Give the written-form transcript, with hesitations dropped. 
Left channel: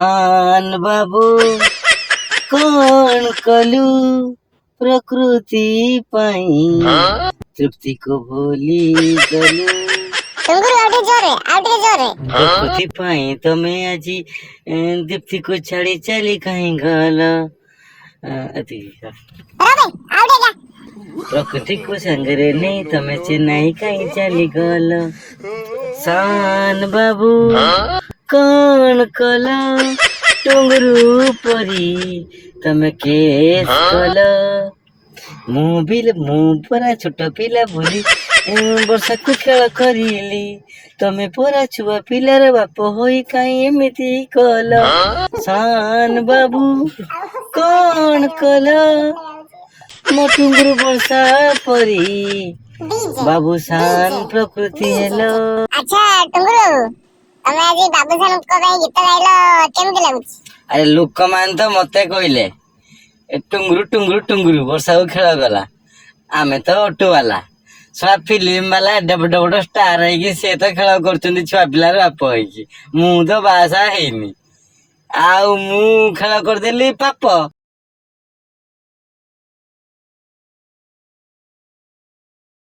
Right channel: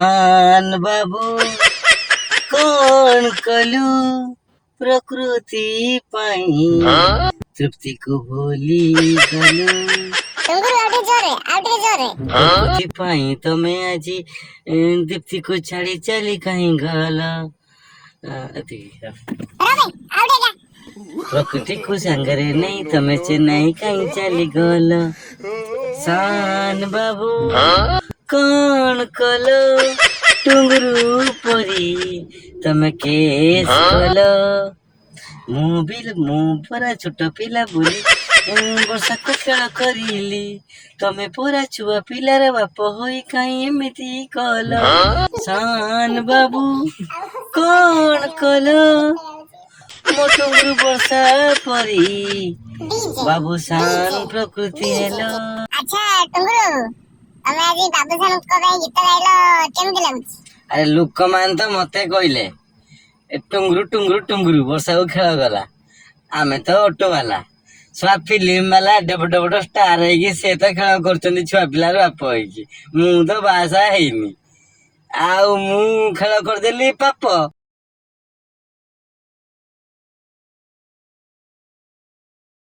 आन बाबू कौन कलू प्रकृति पाई तृप्ति को भूली गलू प्रकृति पाई तमे आजी दीप्ति को छाड़ी चली कहीं गला प्रकृति को संगरे नहीं तमे चेन्नई कहीं चली गल सान बाबू कौन कल टुंगरू परी तमे केस कल ମୁଁ ପରା ଛୋଟ ପିଲା ବୋଲି ବର୍ଷାକୁ ଖେଳ କରିଲି ତମେ ପରା ଛୁଆ ପିଲାର ବାପ ହୋଇ କାହିଁ ଏମିତି କଲ ସାନ ବାବୁ କଣ କଲ ମୋ ଟୁଙ୍ଗୁରୁ ବର୍ଷା ପରି ବାବୁ ସାନ ପ୍ରକୃତି ହେଲ। ଆଚ୍ଛା ଟୁଙ୍ଗୁରୁ ତମେ ଆଜି ବାବୁସାନଙ୍କ ପାଇଁ ଗୀତ ଗାଇଲ କେମିତି ଲାଗୁଛି? ଆରେ ଲୋକମାନେ ତ ମତେ କହିଲେ ଟୁଙ୍ଗୁରୁ ଟୁଙ୍ଗୁରୁ ଟୁଙ୍ଗୁରୁ ବର୍ଷାକୁ ଖେଳ କଲା ଆମେ ତ ଅଟୋ ବାଲା ଛୁଆ ଫିଲ୍ମ ବାଲା ଏଡେ ବଡ ବଡ ଷ୍ଟାର ହେଇକି ସେ ତ ଖେଳ କରୁଛନ୍ତି ଛୁଆ ପିଲାର ବାପ ହେଇକି ମୁଁ ତ ବାହାସାହା ହେଇନି ଆଉ ମୁଁ ଖେଳ କରିଦେଲି ପାପ।